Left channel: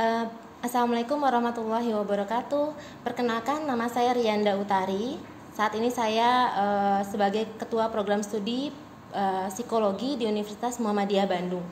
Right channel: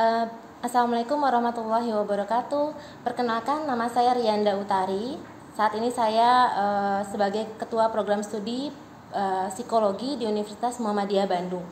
Eh, Assalamualaikum warahmatullahi wabarakatuh. Perkenalkan, nama saya Rianda Utari. Saat ini saya sebagai Ketua Program Studi Psikologi di Universitas Muhammadiyah Bandung.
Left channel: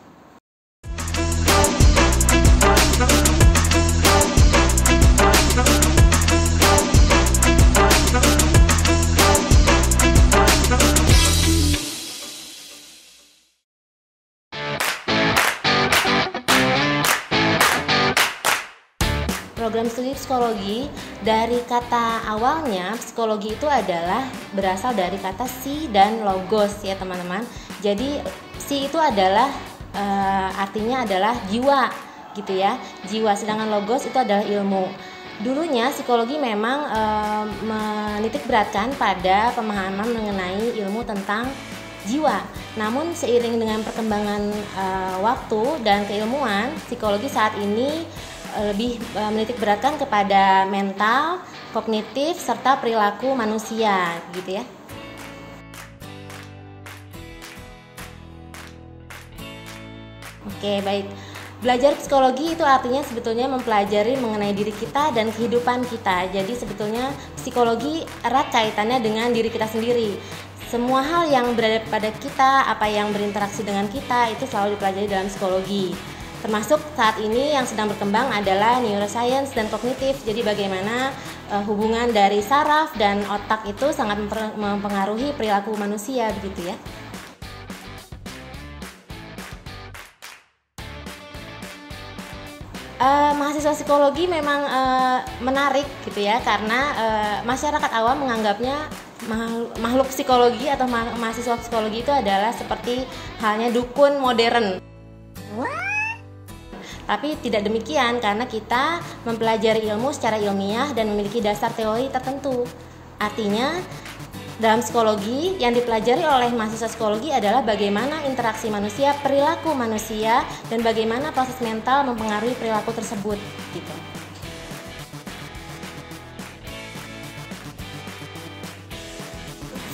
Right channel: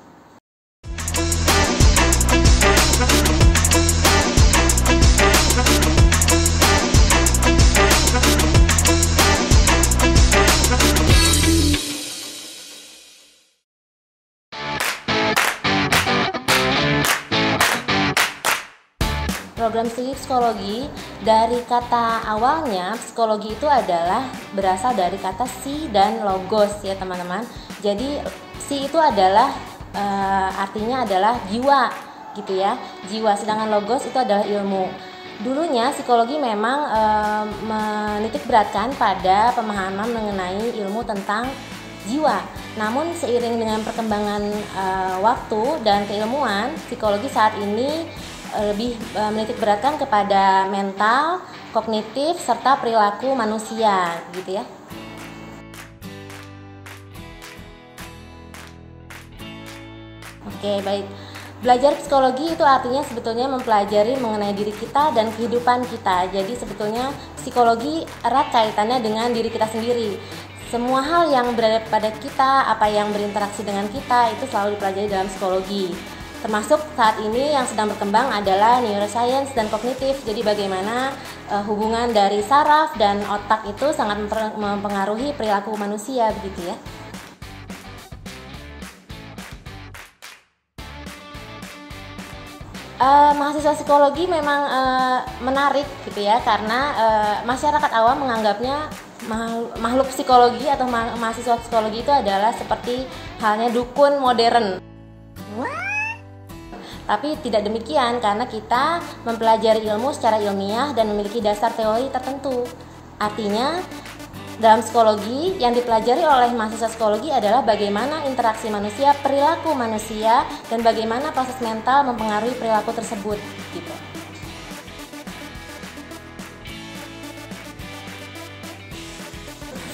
Program studi psikologi, dari kata awalnya psikologi itu adalah berasal dari kata psi dan logos ya teman-teman. Jadi psi itu adalah artinya adalah jiwa gitu ya, jiwa, sedangkan logos itu adalah ilmu. Dulunya psikologi memang menitik beratkan pada pemahaman mengenai ilmu tentang jiwa. Namun seiring dengan perkembangan waktu dan keilmuan, psikologi saat ini lebih menitik beratkan kepada mental, kognitif, serta perilaku manusia gitu ya. Oke, baik. Belajar psikologi itu artinya sebetulnya mempelajari mengenai diri kita dan kehidupan kita. Jadi sebetulnya psikologi erat kaitannya dengan diri kita sendiri. Semua hal yang berada pada kita, apa yang berinteraksi dengan kita, itu selalu dipelajari dalam psikologi. Termasuk saat ini yang sedang berkembang adalah neuroscience dan kognitif. Jadi bagaimana hubungan dari saraf dan otak itu sangat mempengaruhi perilaku manusia begitu ya. Mahasiswa psikologi memang menarik gitu ya, karena masyarakat awam menganggapnya makhluk psikologi atau mahasiswa psikologi itu adalah seperti halnya dukun modern. Tapi tidak demikian, karena kita mempelajari ilmu secara ilmiah dan memiliki dasar teori tertentu. Artinya dalam psikologi yang dipelajari oleh mahasiswa psikologi adalah bagaimana interaksi manusia, perilaku manusia, dan bagaimana proses mental mempengaruhi perilaku tersebut gitu.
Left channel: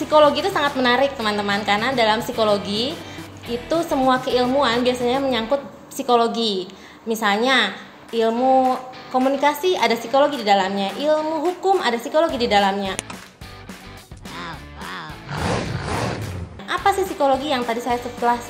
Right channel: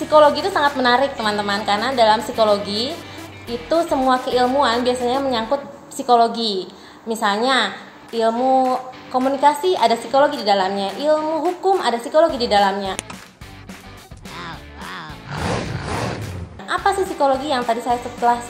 Psikologi itu sangat menarik teman-teman, karena dalam psikologi itu semua keilmuan biasanya menyangkut psikologi. Misalnya ilmu komunikasi ada psikologi di dalamnya, ilmu hukum ada psikologi di dalamnya. Apa sih psikologi? Yang tadi saya setelah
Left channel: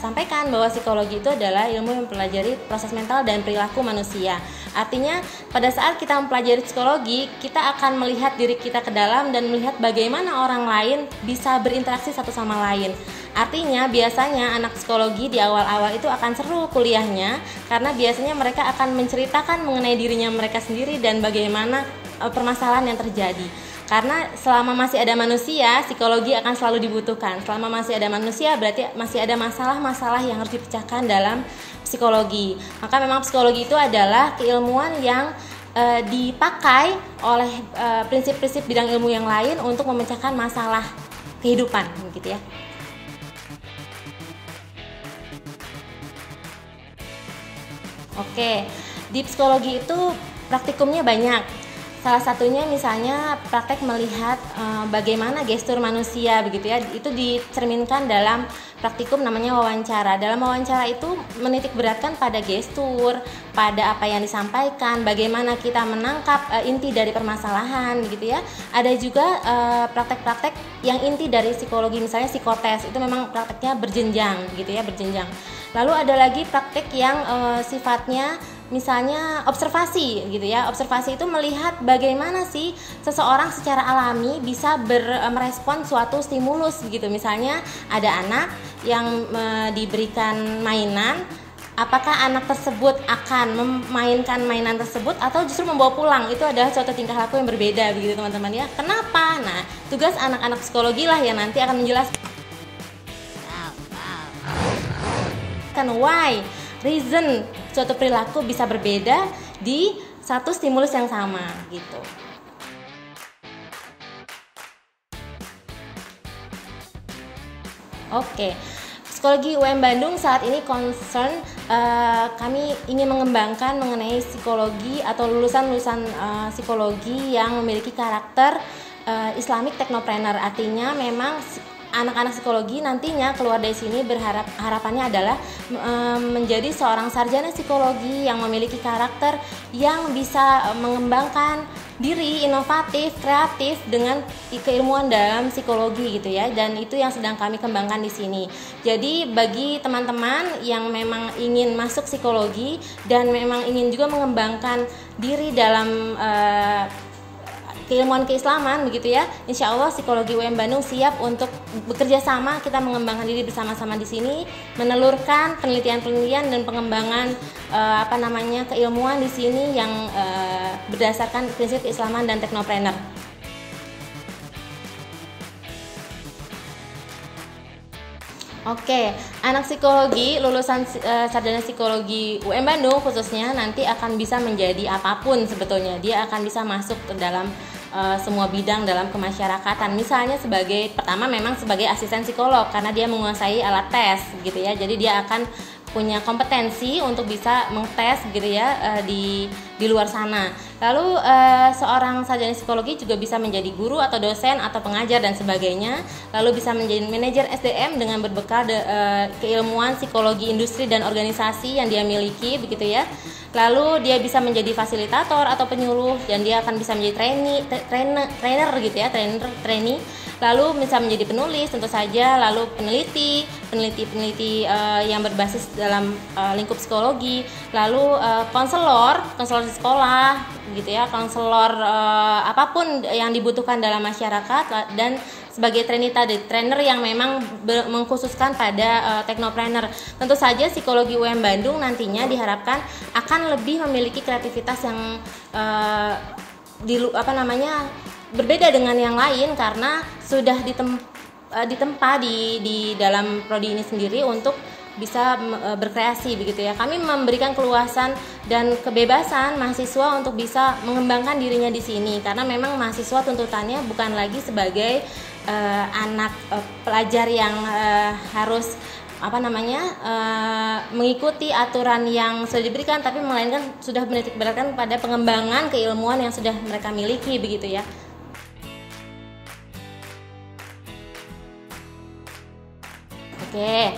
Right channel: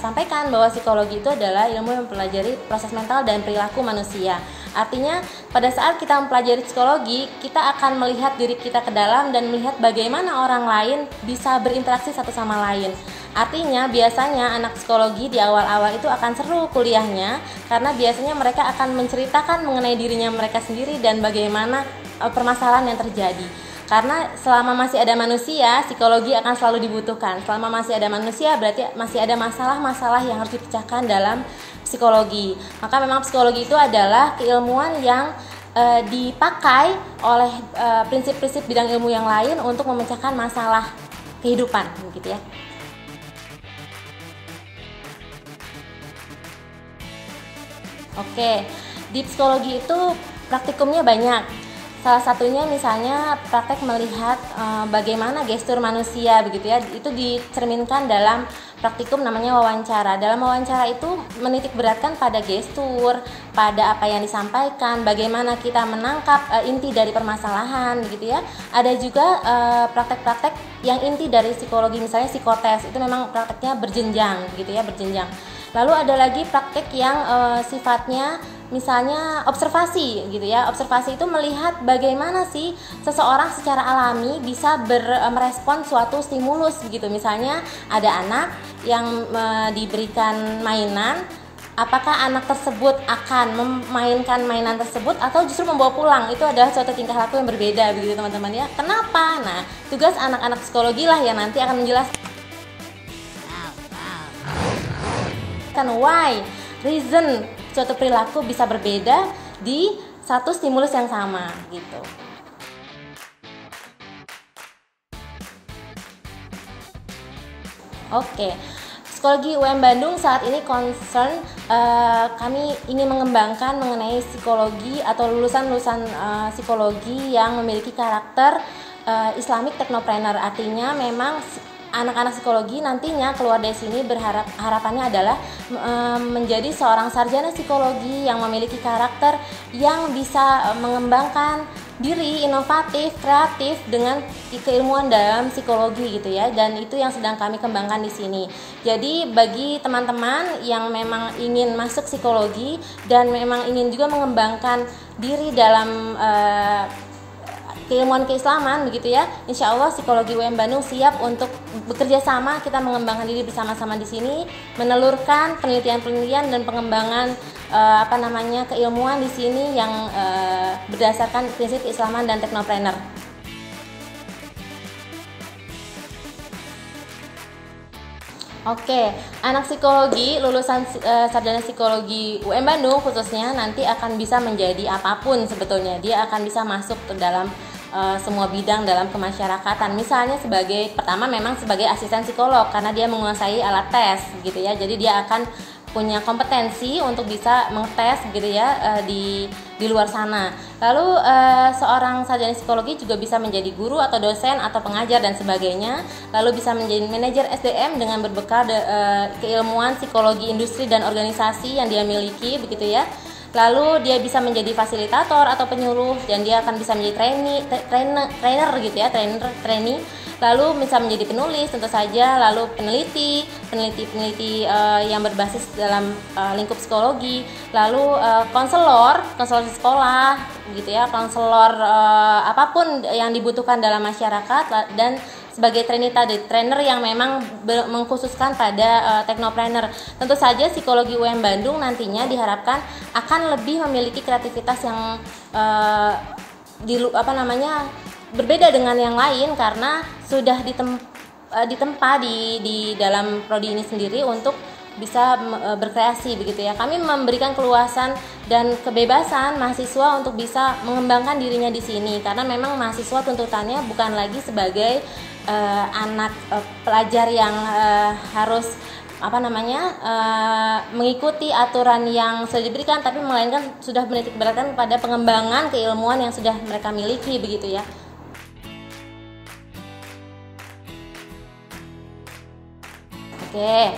sampaikan bahwa psikologi itu adalah ilmu yang mempelajari proses mental dan perilaku manusia. Artinya pada saat kita mempelajari psikologi, kita akan melihat diri kita ke dalam dan melihat bagaimana orang lain bisa berinteraksi satu sama lain. Artinya biasanya anak psikologi di awal-awal itu akan seru kuliahnya, karena biasanya mereka akan menceritakan mengenai dirinya mereka sendiri dan bagaimana permasalahan yang terjadi. Karena selama masih ada manusia, psikologi akan selalu dibutuhkan. Selama masih ada manusia, berarti masih ada masalah-masalah yang harus dipecahkan dalam psikologi. Maka memang psikologi itu adalah keilmuan yang dipakai oleh prinsip-prinsip bidang ilmu yang lain untuk memecahkan masalah kehidupan, gitu ya. Oke, di psikologi itu praktikumnya banyak. Salah satunya misalnya praktek melihat bagaimana gestur manusia begitu ya. Itu dicerminkan dalam praktikum namanya wawancara. Dalam wawancara itu menitik beratkan pada gestur, pada apa yang disampaikan, bagaimana kita menangkap inti dari permasalahan begitu ya. Ada juga praktek-praktek yang inti dari psikologi, misalnya psikotes. Itu memang prakteknya berjenjang gitu ya, berjenjang. Lalu ada lagi praktek yang sifatnya misalnya observasi gitu ya. Observasi itu melihat bagaimana sih seseorang secara alami bisa merespon suatu stimulus begitu. Misalnya ada anak yang diberikan mainan, apakah anak tersebut akan memainkan mainan tersebut atau justru membawa pulang. Itu adalah suatu tingkah laku yang berbeda begitu teman-teman ya. Kenapa? Nah, tugas anak-anak psikologi lah yang nanti akan menjelaskan why, reason suatu perilaku bisa berbeda di satu stimulus yang sama gitu. Oke, psikologi UM Bandung saat ini concern kami ingin mengembangkan mengenai psikologi atau lulusan-lulusan psikologi yang memiliki karakter Islamic Technopreneur. Artinya memang anak-anak psikologi nantinya keluar dari sini harapannya adalah menjadi seorang sarjana psikologi yang memiliki karakter yang bisa mengembangkan diri, inovatif, kreatif dengan keilmuan dalam psikologi gitu ya. Dan itu yang sedang kami kembangkan di sini. Jadi bagi teman-teman yang memang ingin masuk psikologi dan memang ingin juga mengembangkan diri dalam keilmuan keislaman begitu ya, insya Allah psikologi UM Bandung siap untuk bekerja sama, kita mengembangkan diri bersama-sama di sini, menelurkan penelitian-penelitian dan pengembangan keilmuan di sini yang berdasarkan prinsip keislaman dan teknopreneur. Oke, anak psikologi lulusan sarjana psikologi UM Bandung khususnya nanti akan bisa menjadi apapun sebetulnya. Dia akan bisa masuk ke dalam semua bidang dalam kemasyarakatan. Misalnya pertama memang sebagai asisten psikolog karena dia menguasai alat tes gitu ya. Jadi dia akan punya kompetensi untuk bisa mengtes gitu ya di luar sana. Lalu seorang sarjana psikologi juga bisa menjadi guru atau dosen atau pengajar dan sebagainya. Lalu bisa menjadi manajer SDM dengan berbekal keilmuan psikologi industri dan organisasi yang dia miliki begitu ya. Lalu dia bisa menjadi fasilitator atau penyuluh dan dia akan bisa menjadi trainer gitu ya, trainee. Lalu bisa menjadi penulis tentu saja, lalu peneliti yang berbasis dalam lingkup psikologi, lalu konselor di sekolah gitu ya, konselor apapun yang dibutuhkan dalam masyarakat, dan sebagai trainer yang memang mengkhususkan pada teknopreneur. Tentu saja psikologi UM Bandung nantinya diharapkan akan lebih memiliki kreativitas yang berbeda dengan yang lain karena sudah ditempa di dalam prodi ini sendiri untuk bisa berkreasi begitu ya. Kami memberikan keluasan dan kebebasan mahasiswa untuk bisa mengembangkan dirinya di sini karena memang mahasiswa tuntutannya bukan lagi sebagai anak pelajar yang harus mengikuti aturan yang sudah diberikan, tapi melainkan sudah menitik beratkan pada pengembangan keilmuan yang sudah mereka miliki begitu ya. Oke,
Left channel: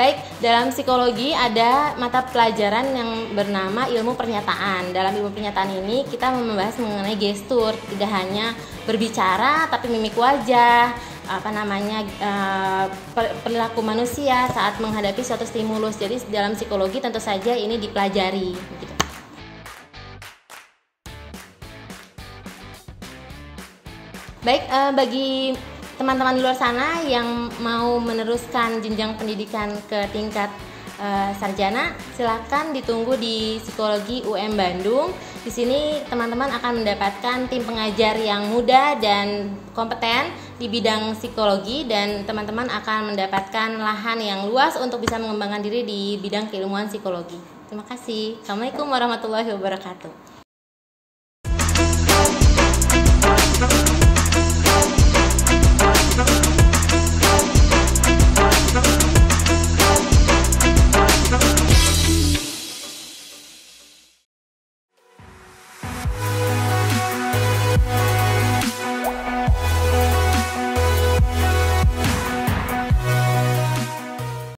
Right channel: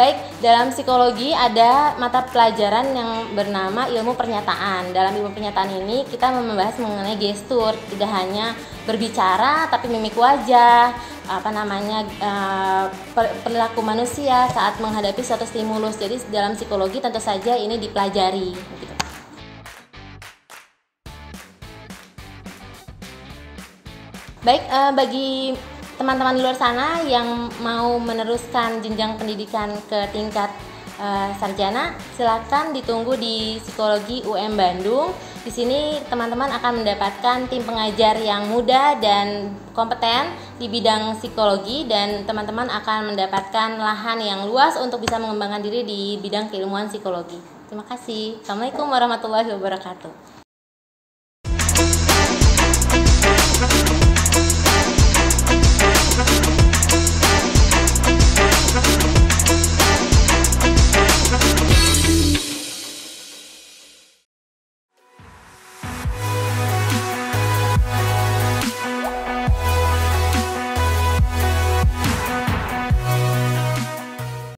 baik, dalam psikologi ada mata pelajaran yang bernama ilmu pernyataan. Dalam ilmu pernyataan ini kita membahas mengenai gestur, tidak hanya berbicara tapi mimik wajah, perilaku manusia saat menghadapi suatu stimulus. Jadi dalam psikologi tentu saja ini dipelajari gitu. Baik, bagi teman-teman di luar sana yang mau meneruskan jenjang pendidikan ke tingkat sarjana, silakan ditunggu di Psikologi UM Bandung. Di sini teman-teman akan mendapatkan tim pengajar yang muda dan kompeten di bidang psikologi, dan teman-teman akan mendapatkan lahan yang luas untuk bisa mengembangkan diri di bidang keilmuan psikologi. Terima kasih. Assalamualaikum warahmatullahi wabarakatuh.